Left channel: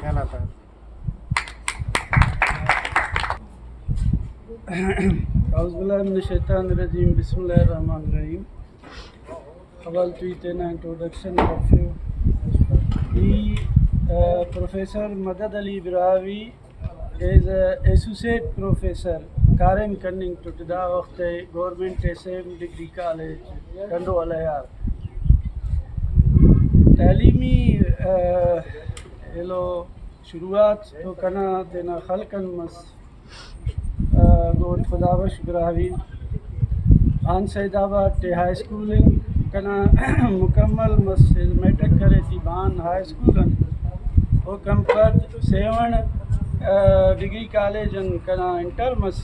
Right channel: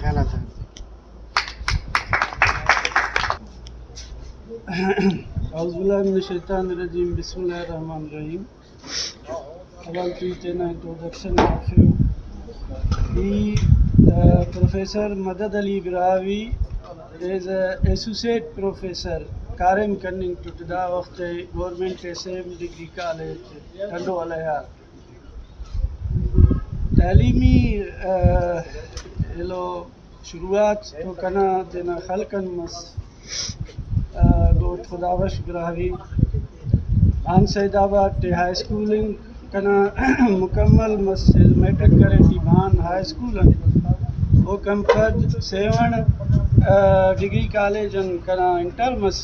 ख्यालात औज़ुबिल्लाहिमिनश्शैतानिर्रजीम बिस्मिल्लाहिर्रहमानिर्रहीम। अवल तो इतना इंट्रोडक्शन काफ़ी Professor Madad Ali Birawi is an associate professor Karim Cunning to the Wakte Government SM Degree College Tando Alayar तालीमी लो शुरुआत तो कना तेना खलकन मस गोड खुदावश बिरावी आन सैदाबाद टे हाई स्कूलिंग कना मुकम्मल मस मैट्रिक करे टी बान हाई स्कूल वो कंपद सेवन डिग्री कॉलेज कना इंटर मस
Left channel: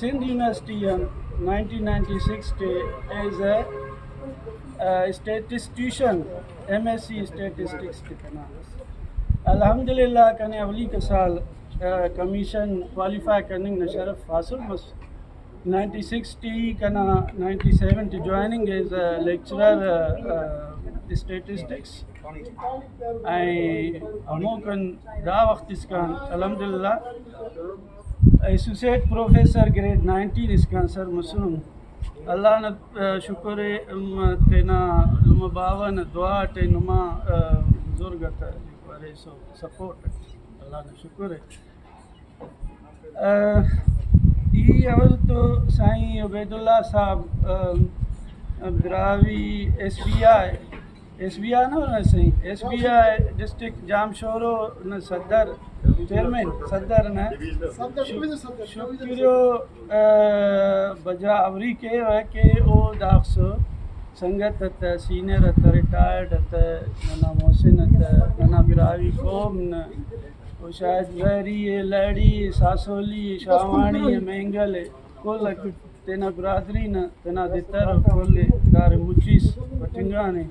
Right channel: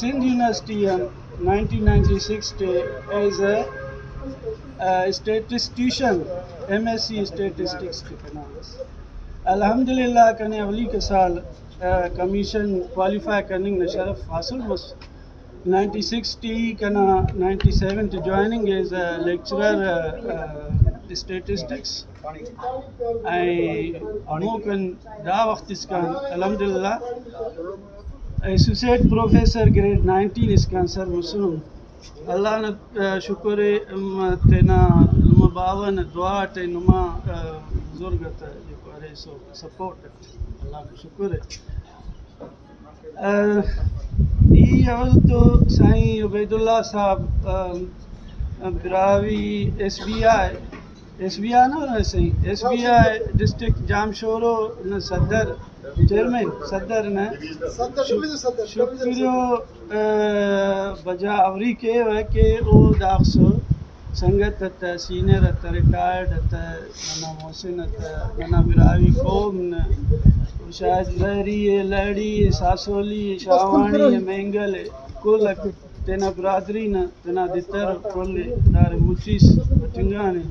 सिंध यूनिवर्सिटी 1996 टे as a statistician MSc statistics के कना अल्हम्दुलिल्लाह कने अवली के साल कमीशन क्वालिफाई करने न शरफ हासिल मस 1960 कना 97 to joining as a lecturer statistics अमोकन दा वक्त इसका अल्हम्दुलिल्लाह associate professor grade 19 इसका सर मसरूम अल्लाह न शुक्र तेना नुमा बावन दुआ टे नुमा बुजुर्गत जो करे सो सपोर्ट अल्लाह न शुक्र ई अवल तो साईं उबैदुल्लाह साहब बिरावी SBI ना साईं SBI डिस्ट्रिक्ट जामशोरो न सदर चेयरमैन सदर न शुक्रियो बजा आवरी के है कि ओ दाखसो संगत त सीनियर त रिटायर्ड त नना मोहसिन त नना बिरावी कौम न ओ शायद लहरी लड़ी सासोली शावाणी मेंगल कुल तेना बिरादरी न तेना दितर कुल दार मुचीस बटिंगाने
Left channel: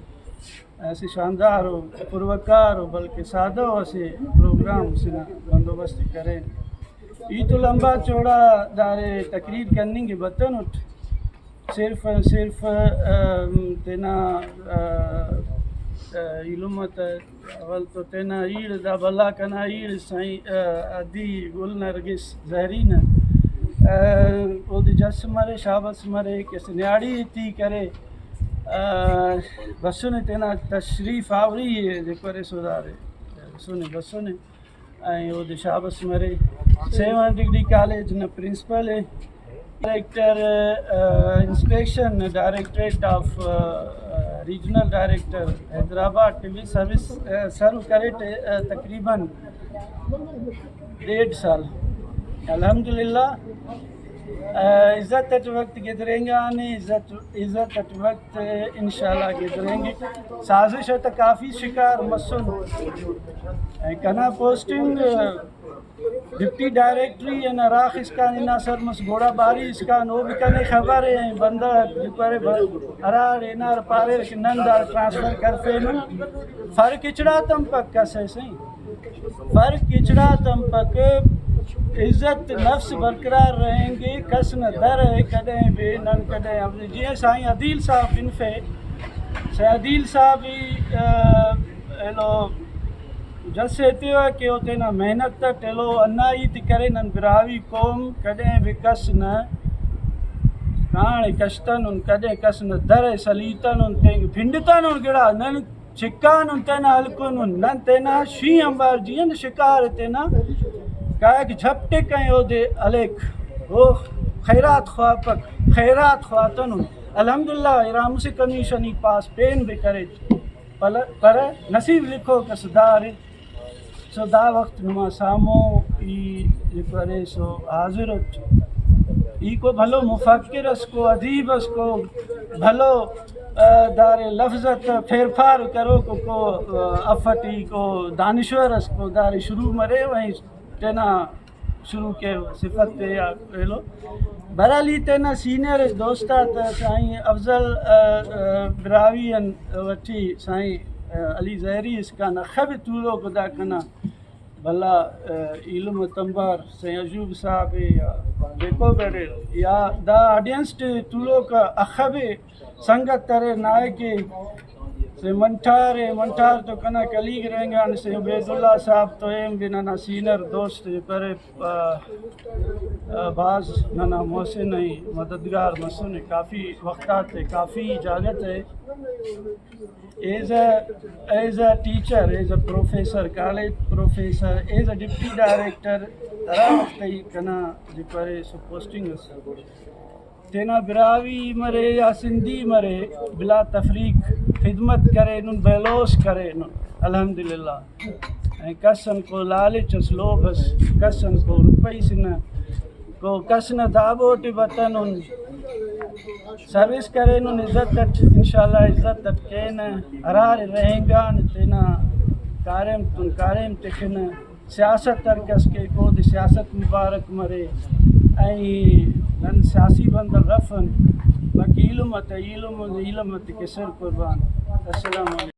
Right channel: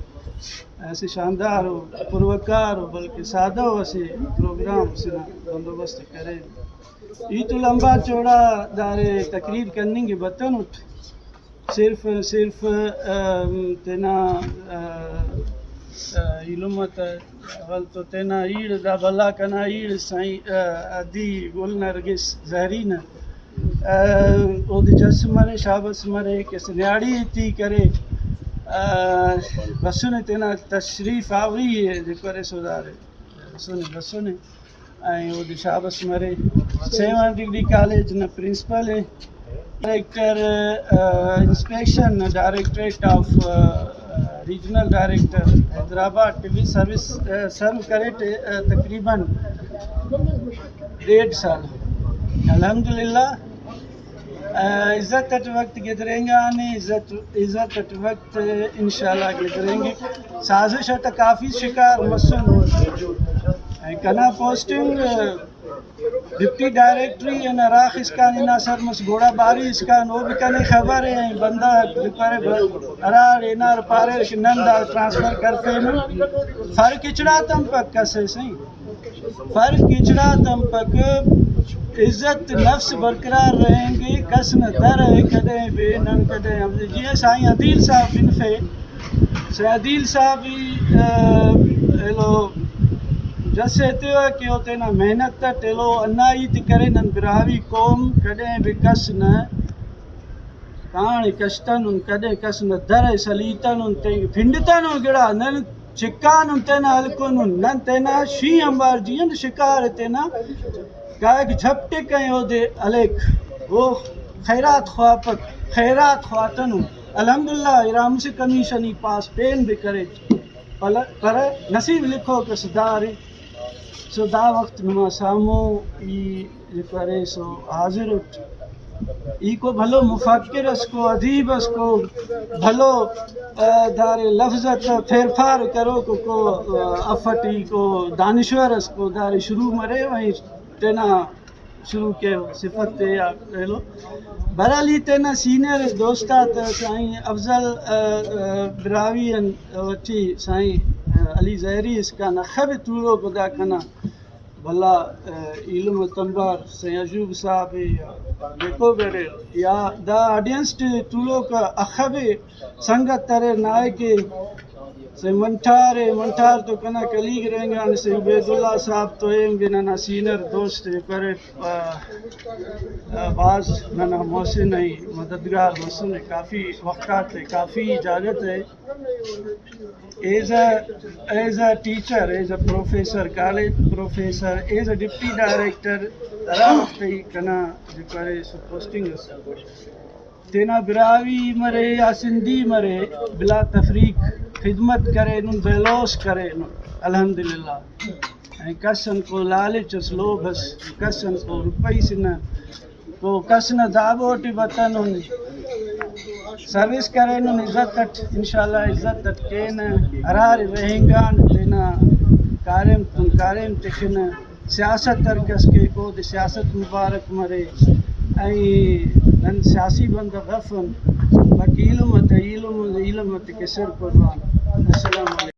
ऐसे शानदार हो पुरवकार हो बल्कि सादा हो ऐसे प्रोग्राम से बंदोबस्त करें ये तो लंबा चौड़ा दारे तकरीर करने के बतन उठ सिर्फ तेना इलुमत अवल तो तेना ईड़ दा भला कना ईड़ साईं अदी गुल नरगिस जहरीन ओद जस मरे शाबस मरे के सन्याड़ी थी करे बसुने तेना तशरीफ़ आवरी है जेको रे सोदारे बसुने ऐं वो शाबस मरे 7 डिग्री कॉलेज न प्रिंसिपल है director inspection directorate of regional director Hyderabad TV service serve करे तकरीबन 1.5 साल अल्हम्दुलिल्लाह इज़्ज़त अट वक्त गिदरेंगे आने इज़्ज़त अट वक्त इंशाल्लाह गिदरेंगे साजिश तो काफ़ी शिकार मसन कना पोस्टिंग डिप्टी डायरेक्टरी एन राख इसका इना सर मस घोड़ा बारी इसका नो भी कने खबर है बंदा करे अरार इनार पारे नंदा ट्रांसफर करते न फर्क किचड़ा तम पक कसे सही फर्क किचड़ा तम पक इज़्ज़त नफ्स बरकरार रहेंगे कस न दर है कदें बे नन कदें अब जी साईं अदील साहब इनफे अदील साहब ही लो जैसे तो कि होते ना मेहनत टेलो अन्ना ही ती करे नन बिरावी कौम कदें बे कस न काण कष्टन उन कदें कस न दर सलीतन उन ते भिंडतन उन गिड़ा नन चिकान उन तेना हल्कुन उन नन तेना शी अंबार जीन शिकार तेना कायक झपटे कहीं ओदे अलेख वो खैरात ख्वातन अल्हम्दुलिल्लाह इराम से कमीशन ही पास पेन भी करे पर नसीब लिखो कि सुधारी सुधा वक्त नुमा सामो ई करे सो हाजिर उठ ई को भलो मुफक्किर को अदीब को भलो दारे लफ्ज़त फेरफार करो को अफटी को दानिश्वर को दारे शुरू मरे वहीं तेना शुरू के सिफत ते या लो बराली तेना सीनियर दोस्ता त साईं अफजल बिरावी वठी साईं अली जहरी इसका नखब तूलो खुदा कना भला इल्म तंबार साईं अजूब साहब या देखो बेरे या दा ऑडियंस तूलो का अखबे संगत तरे नाय के से मंठार तो कना कलीग रहेंगे से उबैदुल्ला साहब तो एम भी ना सीनियर दोस्त करे बाज ना मोहसिन है मददगार मसून है काफ़ी वक़्त है काफ़ी इजाज़त है as a teacher as a professor college professor as a deputy director तरा वक्त ही कना जो करे सो पोस्टिंग तेना बिरावी मरे या सिंधी मरे बिला तफरीक खिदमत करे नुन बेलोस करे नुन अल्हम्दुलिल्लाह कसन को लालच लोभस कसन को रुपैस न को कसन दाबोट वतन सर्विस करे नुन इज्जत इंशाल्लाह इज्जत के न हरार रहेंगान तेना कारेम तिखन सियासत तरकस के को सियासत मुबारक मरे नन सियासी बंद गफन बाकी इल्म के सिर कुर्बान। अस्सलाम वालेकुम।